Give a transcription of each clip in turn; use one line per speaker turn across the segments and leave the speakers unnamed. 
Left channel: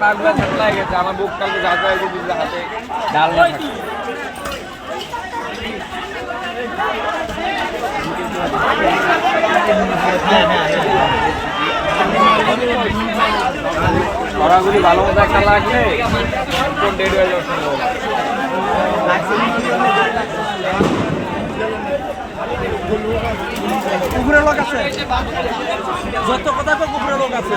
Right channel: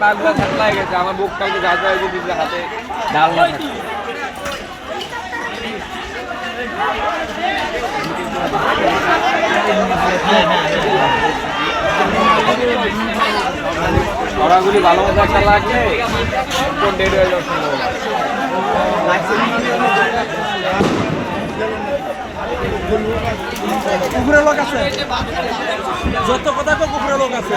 পাগলা ঝাপলা হয়ে গেছে, আমার বুকটা একটু গাছা হয়ে গেছে হাতে। ডাল না থাকে ভালো মতো একটা একদম ডেড হয়ে
আছে? যত কথা তো কুকুরের লোক আছে।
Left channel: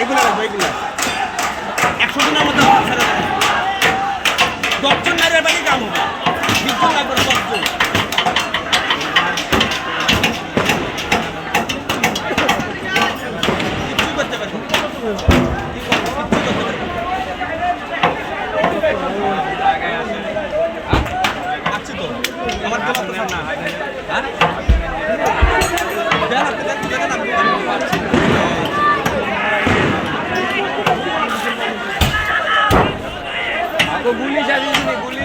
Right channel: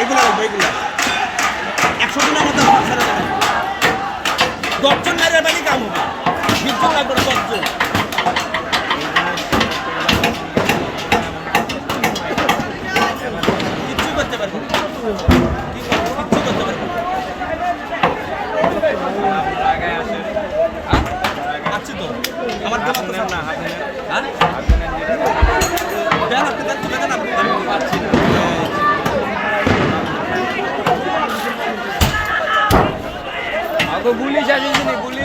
এগুলা এগুলো। একশো দিনের মতো 鼓励下就是你鼓励